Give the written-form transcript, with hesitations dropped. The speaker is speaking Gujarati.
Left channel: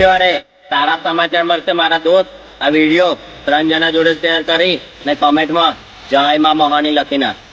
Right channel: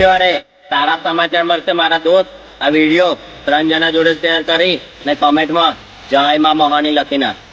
તારા સમાચાર મળશે મારા દોસ્ત. આ વિડીયો 3 જણા જોડે શેર કરી ને કમેન્ટમાં જય માં મહાની લખી નાખ.